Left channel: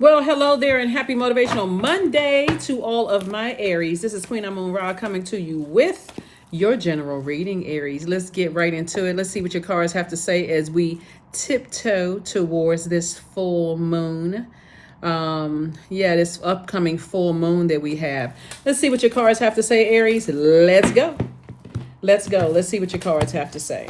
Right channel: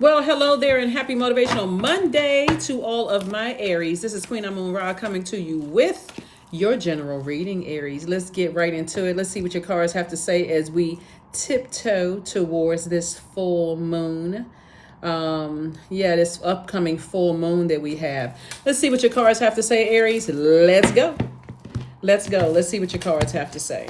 Well, hello there and happy Motivational Monday to all of my Aries. This is Queen Amun Ra coming to you with your general reading, Aries. Let's get right into it. Let's see what your cards have to say as we tiptoe towards this full moon. This upcoming full moon that we have. Let's see what your cards have to say, Aries. Let's go. Let's go. Let's see what your cards have to say.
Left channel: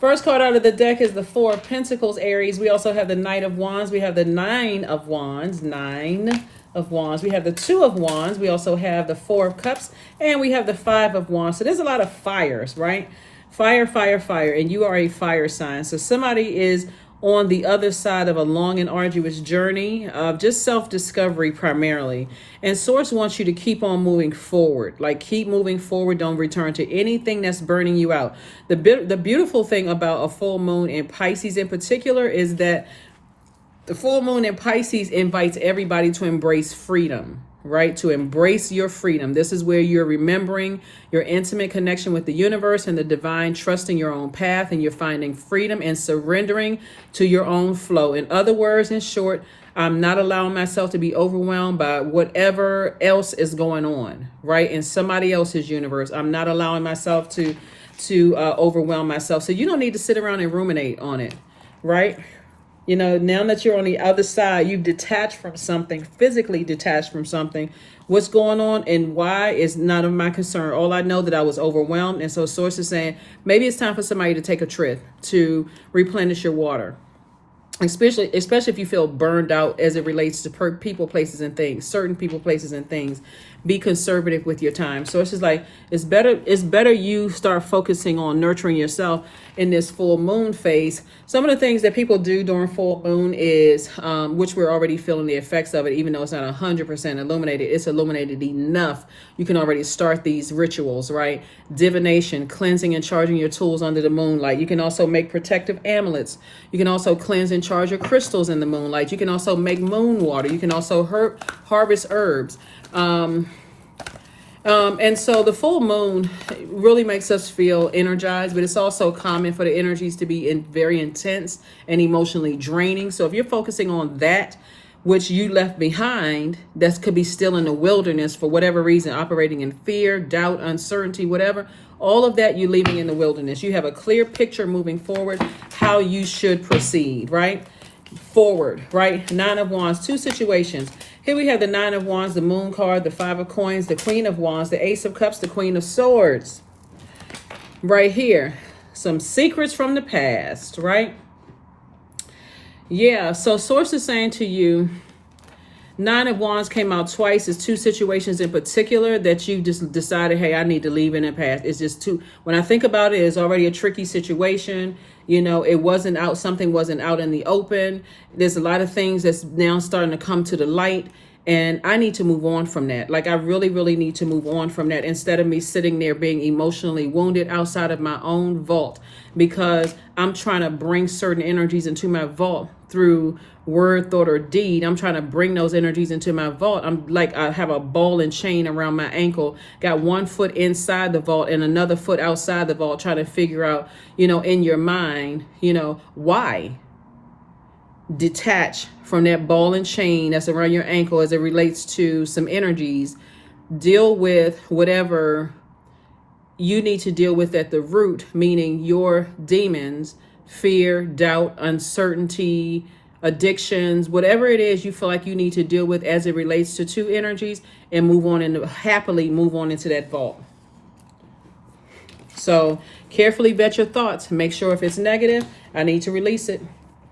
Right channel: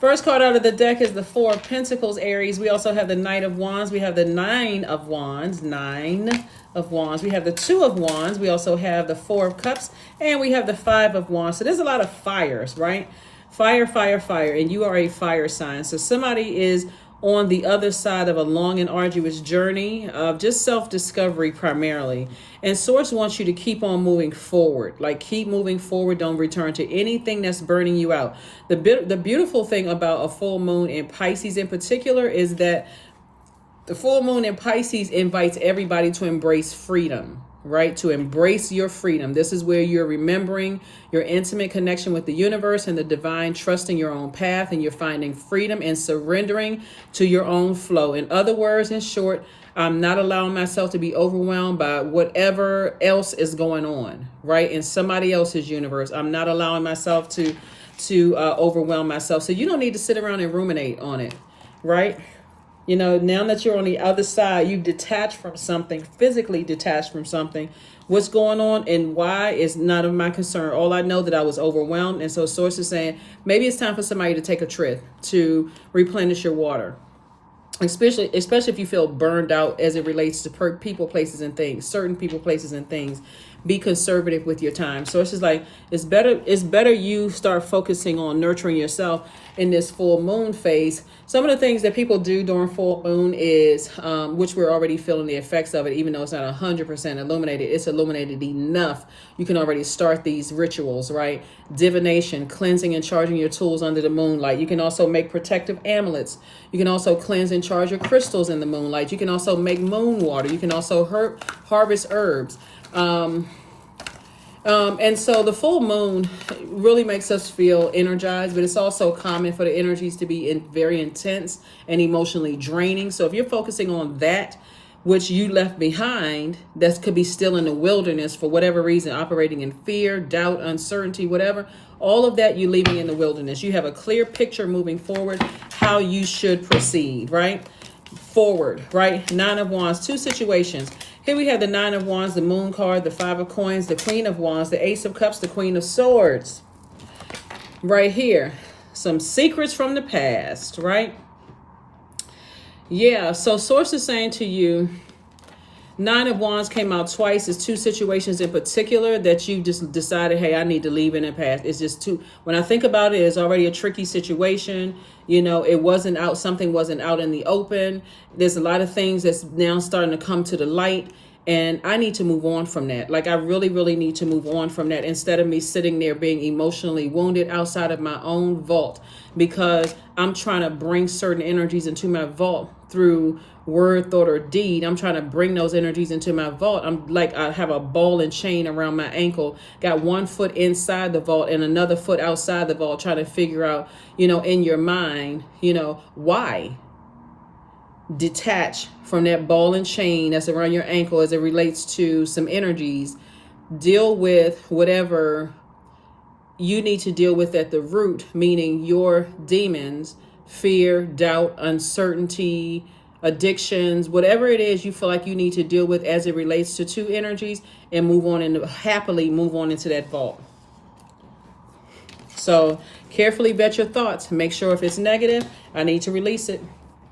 First card out of the deck is the Four of Pentacles, Aries. We also have the Knight of Wands. We have the Nine of Wands. Nine of Wands. We have the Two of Wands. We also have the Four of Cups. And we have the Five of Wands. So there's a lot of fires, right? Fire, fire, fire. And you are a fire sign. So somebody is on the other side of a long and arduous journey of just self-discovery primarily. And Source wants you to keep on moving forward. Like, keep moving forward. Don't return to anything that's burning you out. The beautiful thing about a full moon in Pisces in particular is that the full moon in Pisces invites everybody to embrace freedom, right? To embrace your freedom. This is where you're remembering your intimate connection with the universe and the divine, trusting your own path, and you're finding freedom and surrendering to your own flow. In other words, in short, I'm not allowing myself to be overwhelmed by whatever else is going on, right? In somebody else's universe. I'm not allowing myself to overwhelm myself. So you don't need to sit around and ruminate on it, right? You know, now that you're on the other side, you've detached from something, physically detached from something. What's going on and why is not of my concern. All I know that I was overwhelmed. And so Source is saying, maybe it's time for somebody to take a trip to replenish your water. Especially if you feel burned out as it relates to people, places, and things, certain people, places, and things. Be conservative with your time. So it's just like, it's better you start focusing on nurturing yourself in this full moon phase. Some of the things that people do during full moon is, which we're already feeling the effects of it, even though it's not 100% illuminated, it's illuminated enough. You can already start these rituals, right? Divination, cleansing and charging your tools under the moonlight. You can also make protective amulets. You can also cleanse and charge your crystals in the moonlight. You can also make moon water. You can also harvest herbs. And so the full moon really makes us feel energized, but it's also common for the energies to be very intense and emotionally draining. So if you're focusing on that, which you left behind, that could be still in the wilderness for whatever reason, operating in fear, doubt, uncertainty, whatever, all of that you're leaving in the wilderness. You have a clear picture moving forward, how you should proceed, right? Forward, right? Nine of Wands, two situations. Here we have the Nine of Wands, the Moon card, the Five of Coins, the Queen of Wands, the Ace of Cups, the Queen of Swords. Right here, some secrets from the past, right? Yeah, so Source is saying to you, Nine of Wands came out twice. It's two situations in particular that you just decided, hey, I need to leave in the past. It's just too, when I think about it, it's already a tricky situation. You know, something wasn't out in the open. There's a lot of things that's now starting to come to the light. And I need to move on from that. Like, I really, really need to move on from that instead of me sitting there being emotionally wounded outside of my own vault, because I'm trying to bring certain energies into my vault through word, thought, or deed. I'm trying to bring those energies into my vault. I'm like, I have a ball and chain around my ankle, got one foot inside the vault and another foot outside the vault, trying to figure out, in your mind, why detach from that ball and chain that's around your ankle as it relates to some energies. Deal with whatever you need to deal with at the root, meaning your demons, fear, doubt, uncertainty, addictions, whatever it is you feel like you need to deal with as it relates to two energies, and happily move on into that vault. So carefully vet your thoughts. Make sure if it's negative, I need to release it.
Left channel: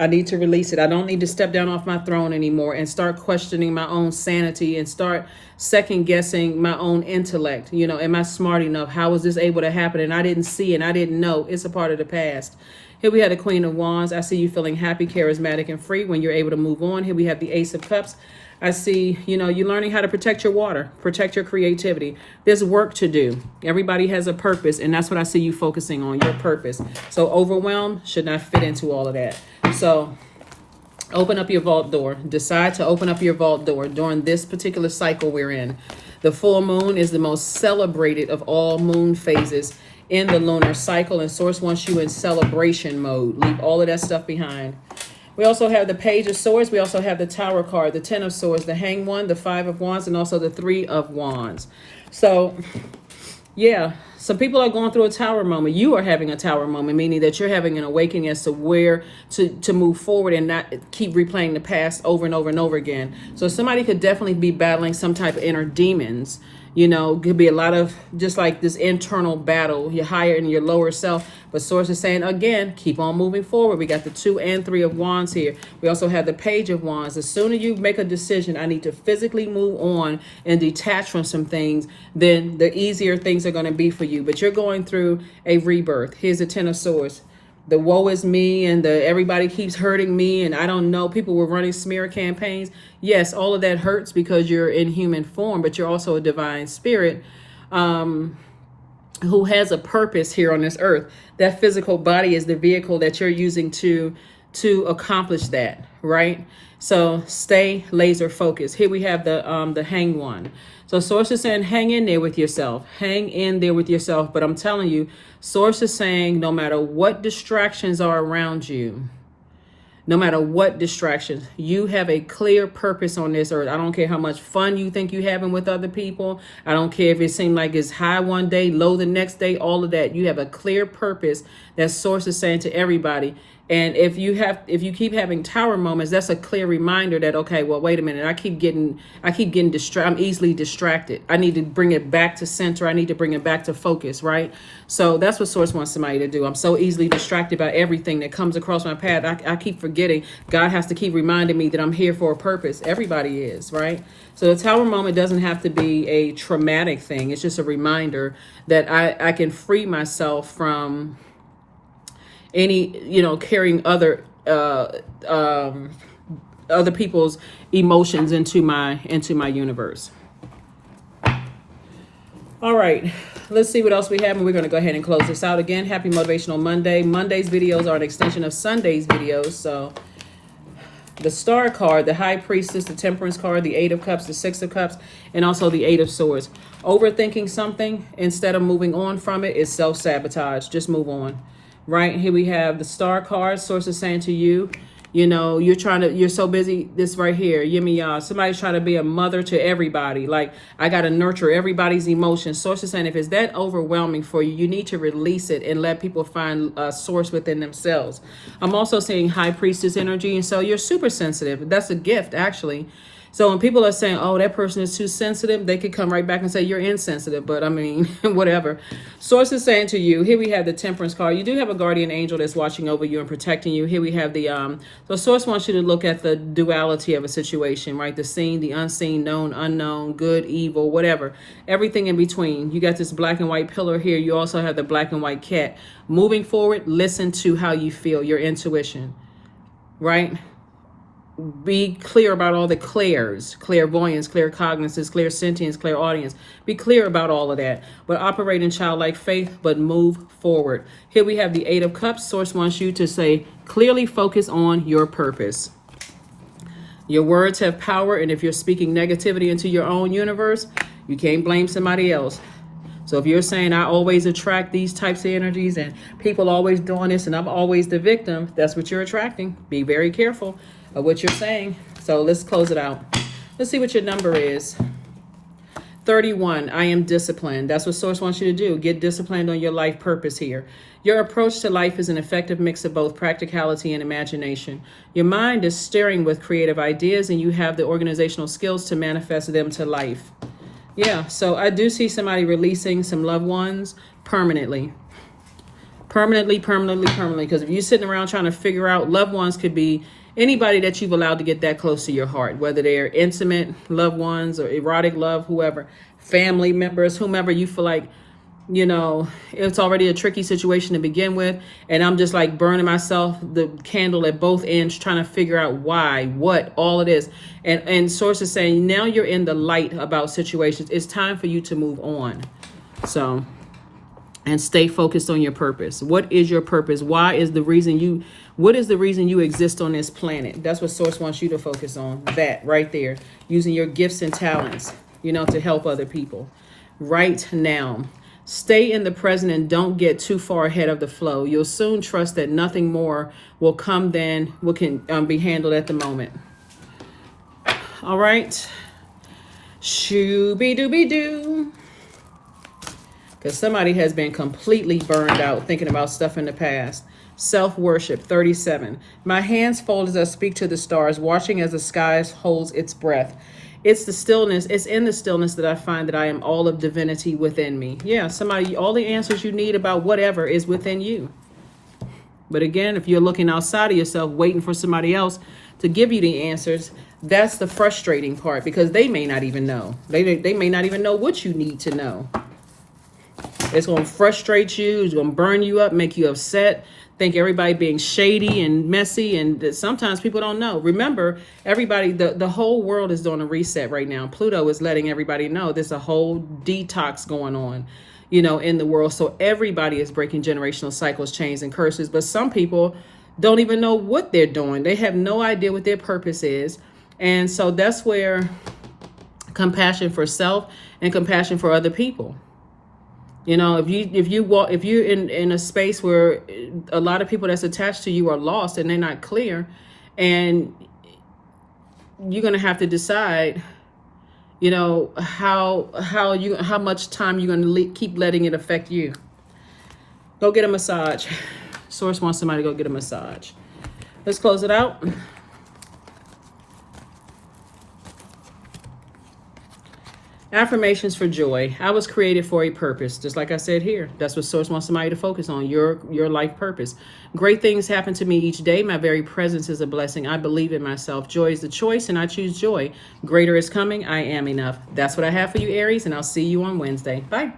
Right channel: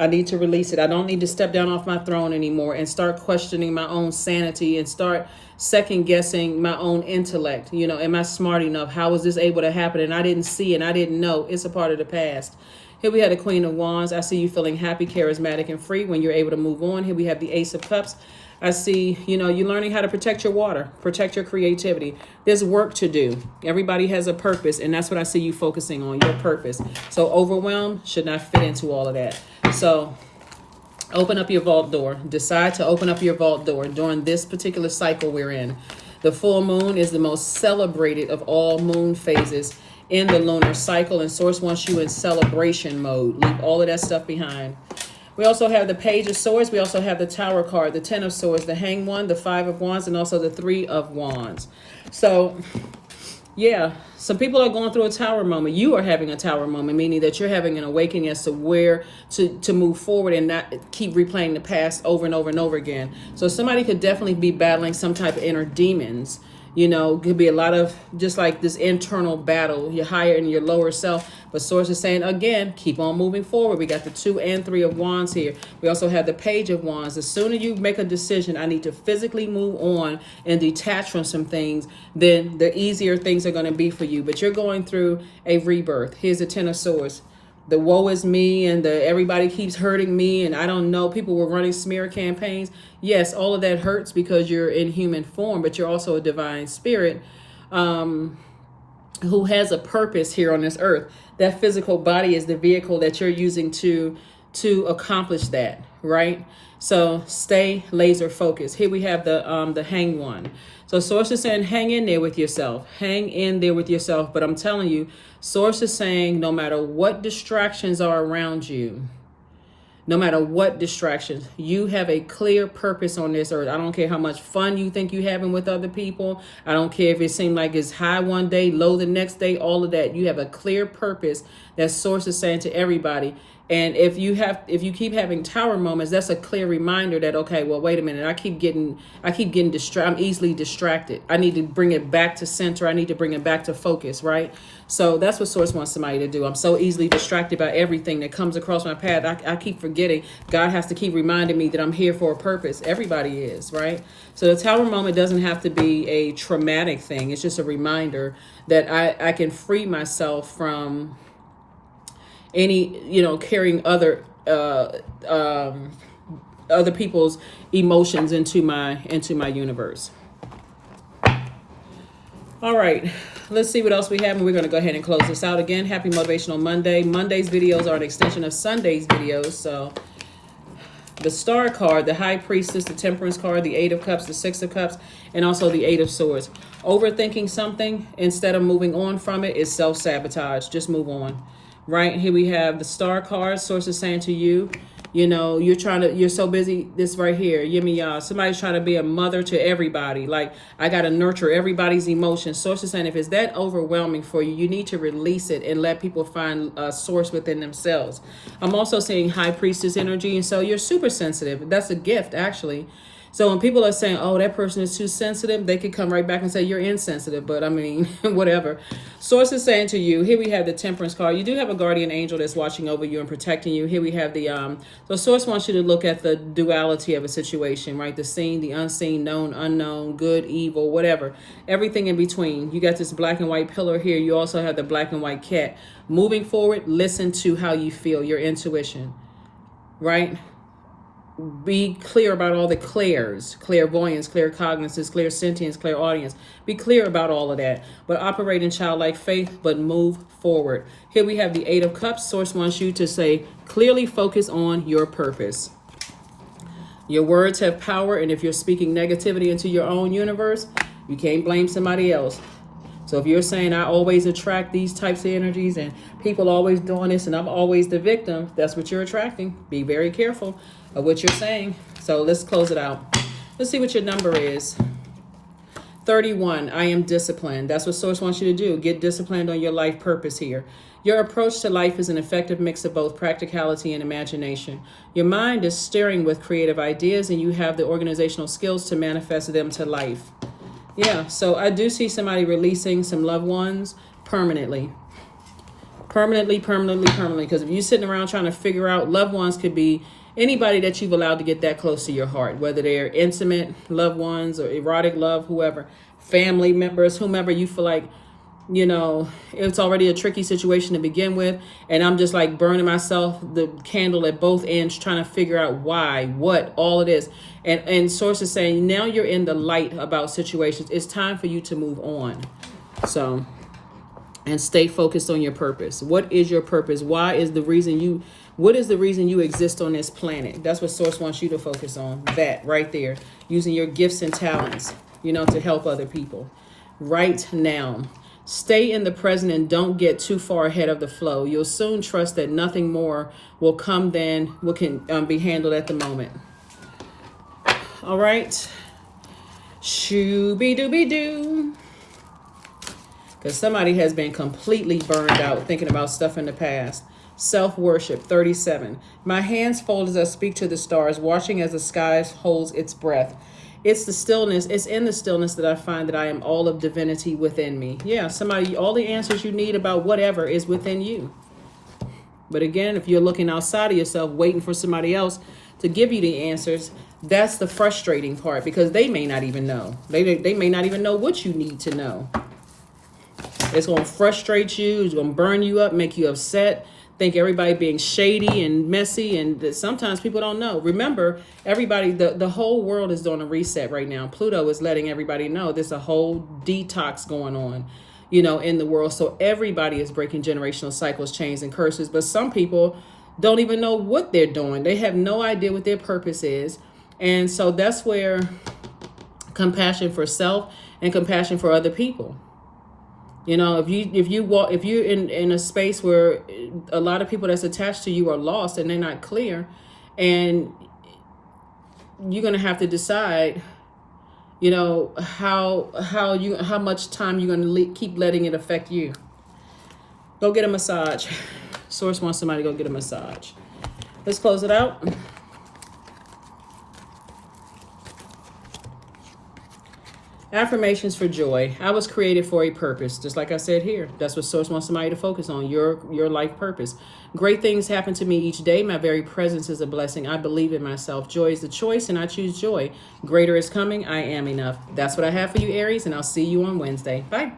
I don't need to step down off my throne anymore and start questioning my own sanity and start second guessing my own intellect. Am I smart enough? How is this able to happen? And I didn't see and I didn't know. It's a part of the past. Here we have the Queen of Wands. I see you feeling happy, charismatic, and free when you're able to move on. Here we have the Ace of Cups. I see, you're learning how to protect your water, protect your creativity. There's work to do. Everybody has a purpose, and that's what I see you focusing on, your purpose. So overwhelm should not fit into all of that. So open up your vault door. Decide to open up your vault door during this particular cycle we're in. The full moon is the most celebrated of all moon phases in the lunar cycle, and Source wants you in celebration mode. Leave all of that stuff behind. We also have the Page of Swords. We also have the Tower card, the Ten of Swords, the Hanged One, the Five of Wands, and also the Three of Wands. So, yeah, some people are going through a tower moment. You are having a tower moment, meaning that you're having an awakening as to where to move forward and not keep replaying the past over and over and over again. So somebody could definitely be battling some type of inner demons. You know, could be a lot of just like this internal battle, your higher and your lower self. But Source is saying, again, keep on moving forward. We got the 2 and 3 of Wands here. We also have the Page of Wands. As soon as you make a decision, I need to physically move on and detach from some things, then the easier things are going to be for you. But you're going through a rebirth. Here's the 10 of Swords. The woe is me and the everybody keeps hurting me and I don't know. People were running smear campaigns. Yes, all of that hurts because you're in human form, but you're also a divine spirit who has a purpose here on this earth. That physical body is the vehicle that you're using to accomplish that, right? So stay laser focused. Here we have the Hanged One. So Source is saying, hang in there with yourself. Hang in there with yourself. But I'm telling you, Source is saying, no matter what distractions are around you, no matter what distractions, you have a clear purpose on this earth. I don't care how much fun you think you're having with other people. I don't care if it seems like it's high one day, low the next day, all of that. You have a clear purpose that Source is saying to everybody. And if you keep having tower moments, that's a clear reminder that, okay, well, wait a minute, I keep getting distracted. I'm easily distracted. I need to bring it back to center. I need to bring it back to focus, right? So that's what Source wants somebody to do. I'm so easily distracted by everything that comes across my path. I keep forgetting. God has to keep reminding me that I'm here for a purpose. Everybody is, right? So the tower moment doesn't have to be a traumatic thing. It's just a reminder that I can free myself from any, carrying other people's emotions into my universe. All right, let's see what else we have, and we're going to go ahead and close this out. Again, happy Motivational Monday. Monday's videos are an extension of Sunday's videos. So the Star card, the High Priestess, the Temperance card, the 8 of Cups, the 6 of Cups, and also the 8 of Swords. Overthinking something instead of moving on from it is self-sabotage. Just move on. Right here we have the Star card. Source is saying to you, you're so busy. This right here, somebody's trying to be a mother to everybody. Like, I got to nurture everybody's emotions. Source is saying, if it's that overwhelming for you, you need to release it and let people find a source within themselves. I'm also seeing High Priestess energy. And so you're super sensitive. That's a gift, actually. So when people are saying, oh, that person is too sensitive, they could come right back and say you're insensitive. But I mean, whatever. Source is saying to you, here we have the Temperance card. You do have a guardian angel that's watching over you and protecting you. Here we have the, so Source wants you to look at the duality of a situation, right? The seen, the unseen, known, unknown, good, evil, whatever. Everything in between. You got this black and white pillar here. You also have the black and white cat. Moving forward, listen to how you feel, your intuition, right? Be clear about all the clairs, clairvoyance, claircognizance, clairsentience, clairaudience. Be clear about all of that, but operate in childlike faith, but move forward. Here we have the 8 of Cups. Source wants you to say, clearly focus on your purpose. Your words have power, and if you're speaking negativity into your own universe, you can't blame somebody else. So if you're saying, I always attract these types of energies and people always doing this and I'm always the victim, that's what you're attracting. Be very careful of what you're saying. So let's close it out. Let's see what your number is. 31, I am disciplined. That's what Source wants you to do. Get disciplined on your life purpose here. Your approach to life is an effective mix of both practicality and imagination. Your mind is stirring with creative ideas and you have the organizational skills to manifest them to life. Yeah, so I do see somebody releasing some loved ones permanently. Permanently. Because if you're sitting around trying to figure out, loved ones could be anybody that you've allowed to get that close to your heart, whether they're intimate loved ones or erotic love, whoever, family members, whomever you feel like, it's already a tricky situation to begin with. And I'm just like burning myself, the candle at both ends, trying to figure out why, what, all of this. And Source is saying, now you're in the light about situations. It's time for you to move on. So, and stay focused on your purpose. What is your purpose? What is the reason you exist on this planet? That's what Source wants you to focus on. That right there, using your gifts and talents, to help other people right now. Stay in the present and don't get too far ahead of the flow. You'll soon trust that nothing more will come than what can be handled at the moment. All right. Shooby-dooby-doo. Because somebody has been completely burned out thinking about stuff in the past. Self-worship, 37. My hands fold as I speak to the stars, watching as the sky holds its breath. It's the stillness. It's in the stillness that I find that I am all of divinity within me. Yeah, somebody, all the answers you need about whatever is within you. But again, if you're looking outside of yourself, waiting for somebody else to give you the answers, that's the frustrating part, because they may not even know. They may not even know what you need to know. It's going to frustrate you. It's going to burn you up, make you upset. Think everybody being shady and messy, and sometimes people don't know. Remember, everybody, the whole world is doing a reset right now. Pluto is letting everybody know there's a whole detox going on, you know, in the world. So everybody is breaking generational cycles, chains, and curses. But some people don't even know what they're doing. They have no idea what their purpose is. And so that's where compassion for self and compassion for other people. You know, if you're in a space where a lot of people that's attached to you are lost and they're not clear, and you're gonna have to decide, you know, how much time you're gonna keep letting it affect you. Go get a massage. Source wants somebody to go get a massage. Let's close it out. Affirmations for joy. I was created for a purpose. Just like I said here, that's what Source wants somebody to focus on, your life purpose. Great things happen to me each day. My very presence is a blessing. I believe in myself. Joy is the choice, and I choose joy. Greater is coming. I am enough. That's what I have for you, Aries, and I'll see you on Wednesday. Bye.